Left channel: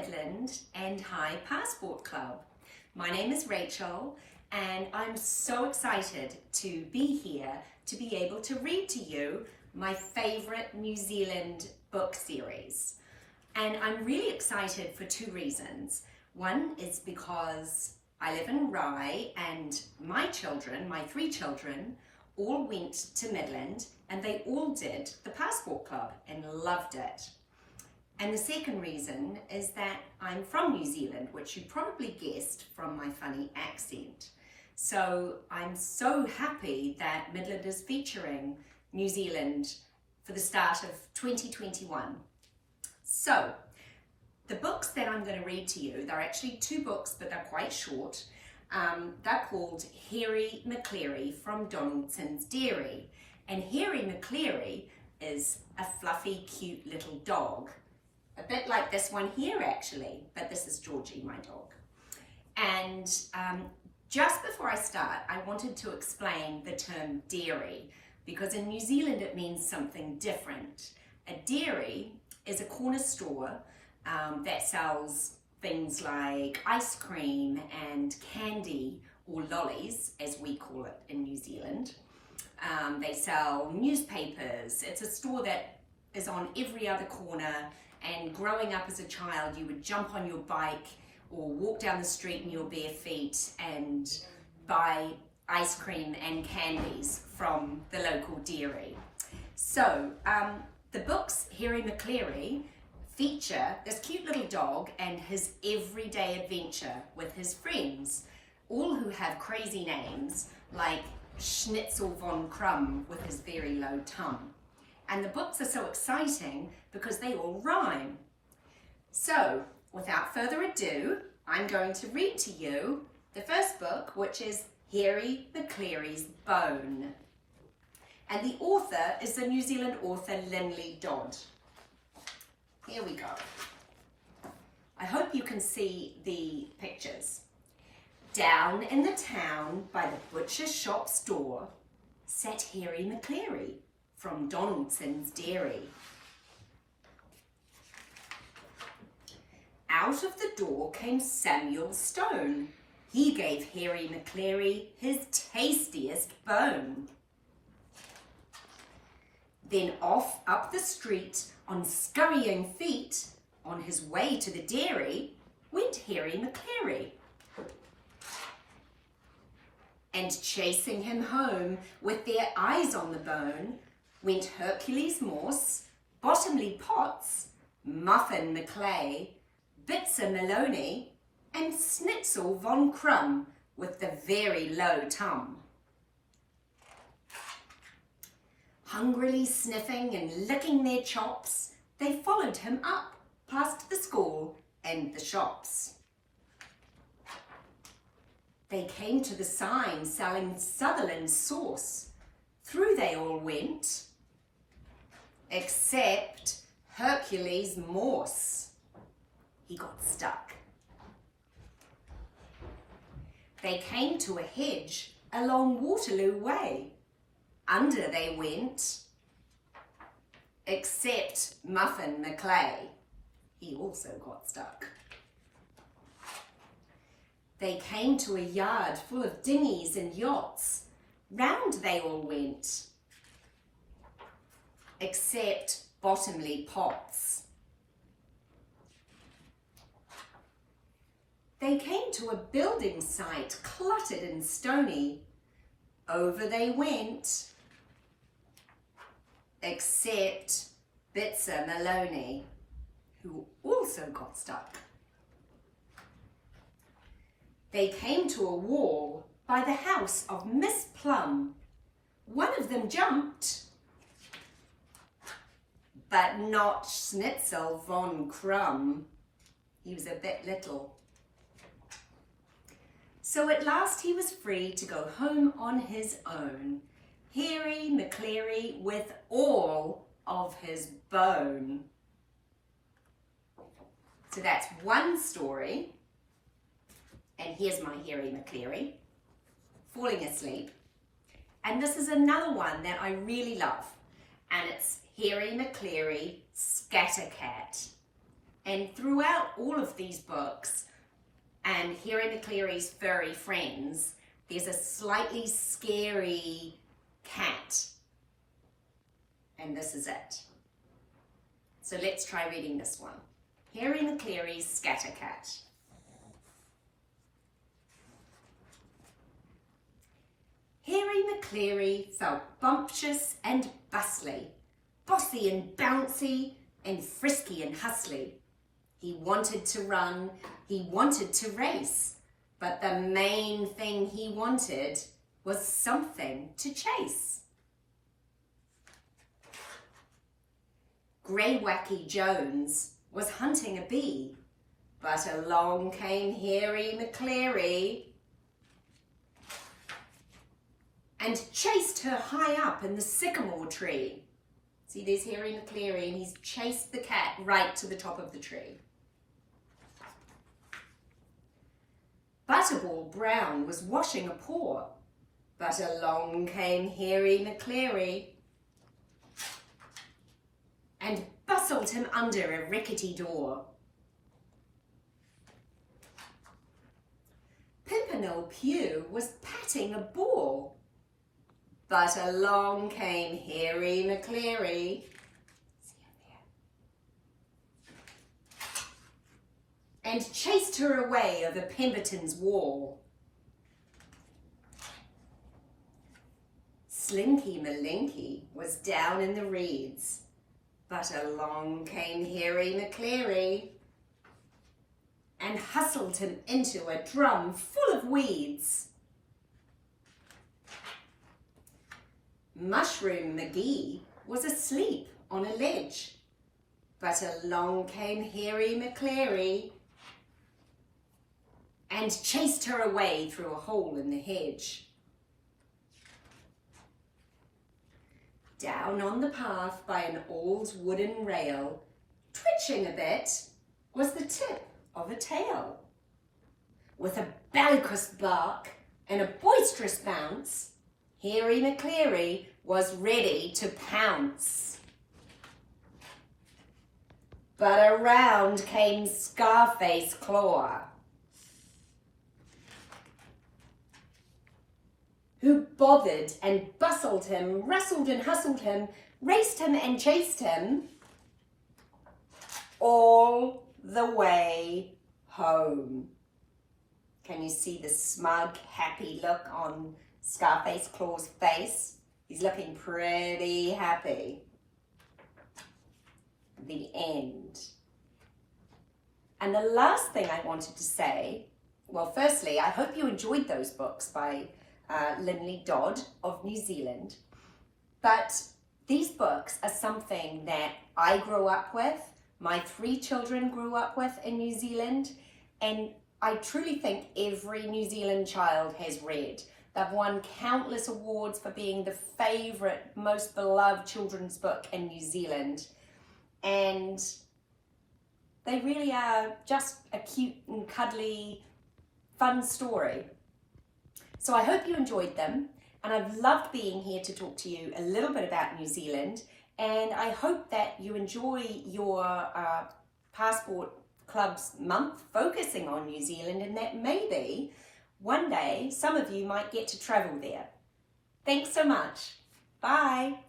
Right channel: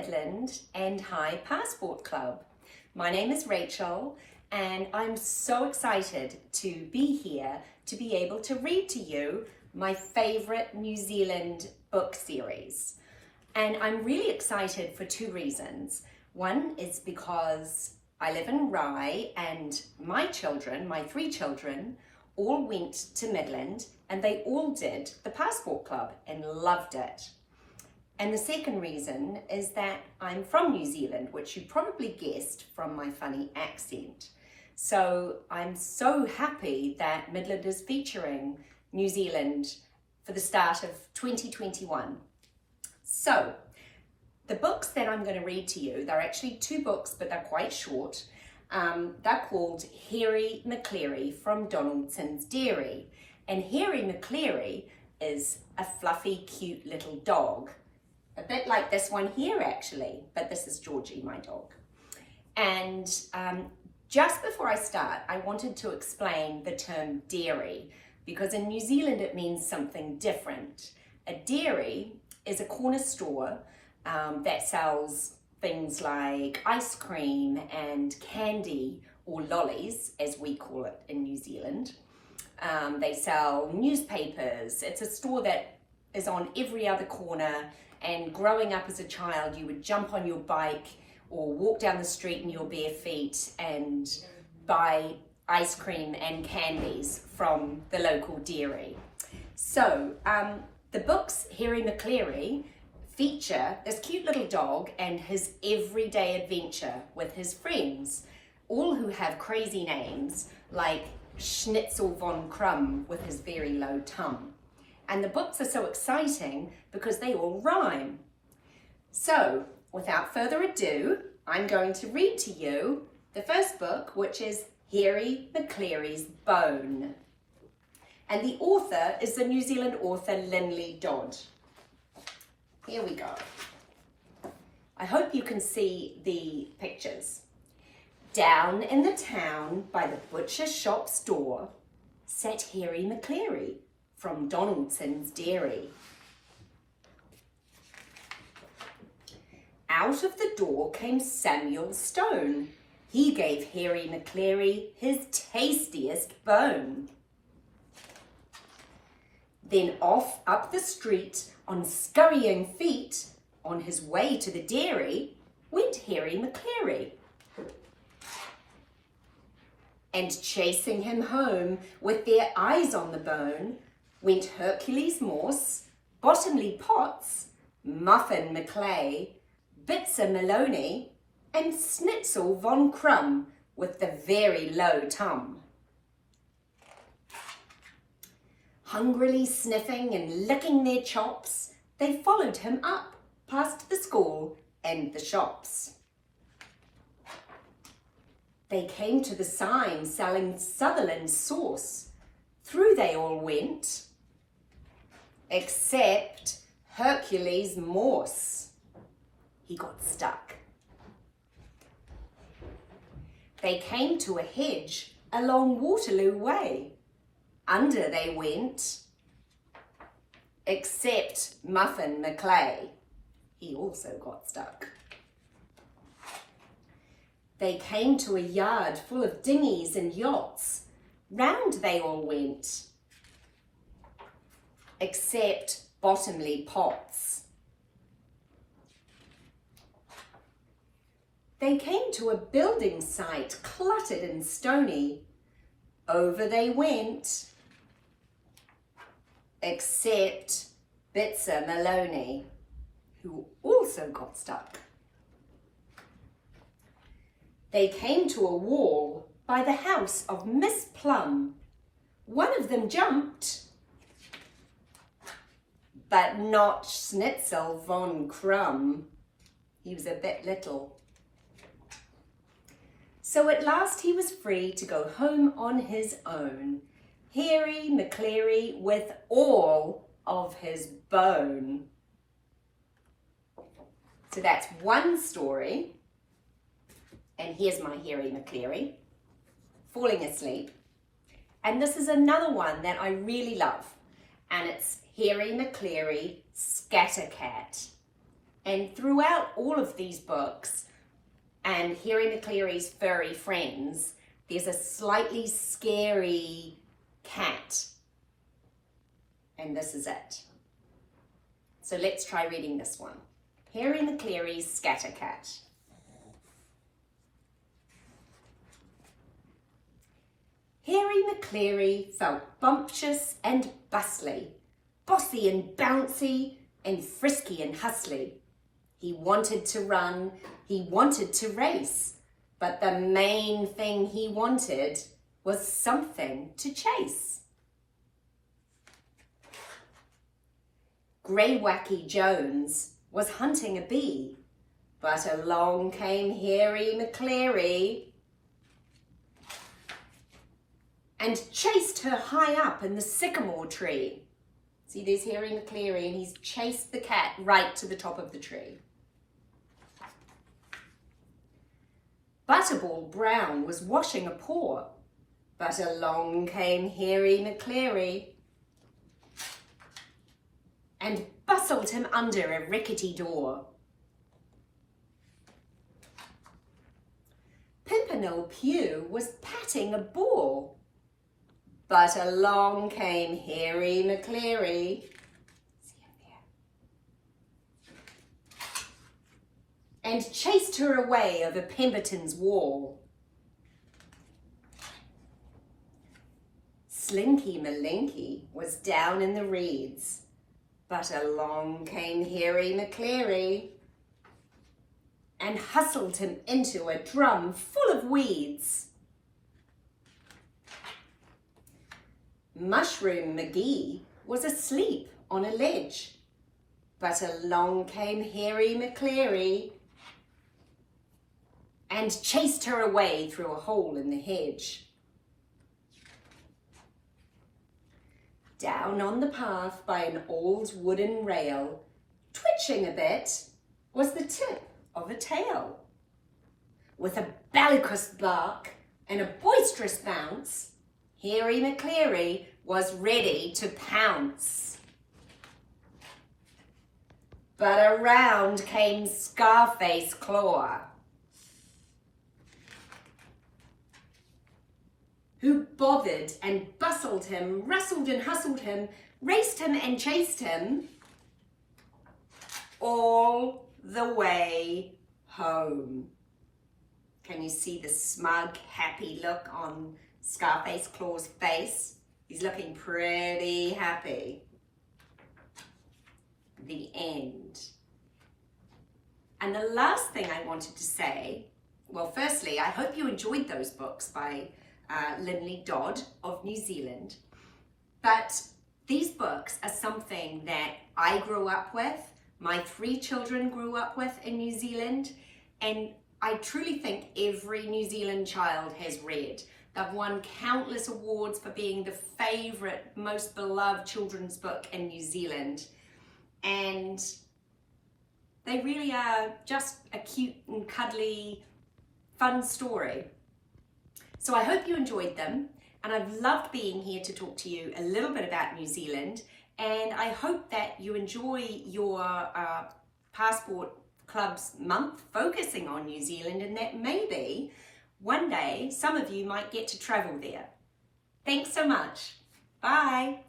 Midland and High Passport Club. My name is Rachel and I'm so excited to be here to be able to read to you my favourite New Zealand book series. And I'm really excited for two reasons. One is because I live in Rye and my three children, all went to Midland and they all did the Passport Club and loved it. And the second reason is that I'm from New Zealand, which you probably guessed from my funny accent. So I'm so happy that Midland is featuring New Zealand for the start of 2021. So the books that I'm going to read to you, they're actually two books, but they're quite short. They're called Hairy Maclary from Donaldson's Dairy. And Hairy Maclary is a fluffy, cute little dog. A bit like this one here actually, but this is Georgie, my dog. And just before I start, I wanted to explain the term dairy, because in New Zealand it means something different. A dairy is a corner store that sells things like ice cream and candy, or lollies as we call it in New Zealand. They sell newspapers. It's a store that is on every other corner, and growing up as a child you would jump on your bike or walk down the street in your bare feet and buy ice cream and candies from the local dairy. So the books Hairy Maclary feature this cute little dog and his everyday adventure with his friends, all who have crazy names like Schnitzel von Krumm with his very low tum. And the books are so exciting because they all rhyme. So without further ado, I'm going to read to you the first book, which is Hairy Maclary's Bone. And the author is the New Zealand author Linley Dodd. Here we go. I hope you can see the pictures. Down in the town by the butcher shop's door sat Hairy Maclary from Donaldson's Dairy. Out of the door came Samuel Stone. He gave Hairy Maclary his tastiest bone. Then off up the street on scurrying feet, on his way to the dairy, went Hairy Maclary. And chasing him home with their eyes on the bone, went Hercules Morse, Bottomley Potts, Muffin Maclay, Bitzer Maloney, and Schnitzel von Krumm with the very low tum. Hungrily sniffing and licking their chops, they followed him up past the school and the shops. They came to the sign selling Sutherland sauce. Through they all went, except Hercules Morse. He got stuck. They came to a hedge along Waterloo Way. Under they went, except Muffin Maclay. He also got stuck. They came to a yard full of dinghies and yachts. Round they all went, except Bottomley Potts. They came to a building site cluttered and stony. Over they went, except Bitzer Maloney, who also got stuck. They came to a wall by the house of Miss Plum. One of them jumped, but not Schnitzel von Krumm. He was a bit little. So at last he was free to go home on his own, Hairy Maclary with all of his bone. So that's one story. And here's my Hairy Maclary falling asleep. And this is another one that I really love. And it's Hairy Maclary Scattercat. And throughout all of these books and Hairy Maclary's furry friends, there's a slightly scary cat. And this is it. So let's try reading this one. Hairy Maclary's Scatter Cat. Hairy Maclary felt bumptious and bustly, bossy and bouncy, and frisky and hustly. He wanted to run, he wanted to race, but the main thing he wanted was something to chase. Grey Wacky Jones was hunting a bee, but along came Hairy Maclary and chased her high up in the sycamore tree. See, there's Hairy Maclary, and he's chased the cat right to the top of the tree. Butterball Brown was washing a paw, but along came Hairy Maclary and bustled him under a rickety door. Pimpernel Pew was patting a ball, but along came Hairy Maclary and chased her away over Pemberton's wall. Slinky Malinky was down in the reeds, but along came Hairy Maclary and hustled him into a drum full of weeds. Mushroom McGee was asleep on a ledge, but along came Hairy Maclary and chased her away through a hole in the hedge. Down on the path by an old wooden rail, twitching a bit, was the tip of a tail. With a bellicose bark and a boisterous bounce, Hairy Maclary was ready to pounce. But around came Scarface Claw, who bothered and bustled him, rustled and hustled him, raced him and chased him all the way home. Can you see the smug, happy look on Scarface Claw's face? He's looking pretty happy. The end. And the last thing I wanted to say, well, firstly, I hope you enjoyed those books by Linley Dodd of New Zealand. But these books are something that I grew up with, my 3 children grew up with in New Zealand, and I truly think every New Zealand child has read. They've won countless awards for being the favourite, most beloved children's book in New Zealand. And they really are just a cute and cuddly, fun story. So I hope you enjoyed them, and I've loved being here to talk to you a little bit about New Zealand, and I hope that you enjoy your Passport Club's month focusing on New Zealand, and that maybe one day some of you might get to travel there. Thanks so much. Bye.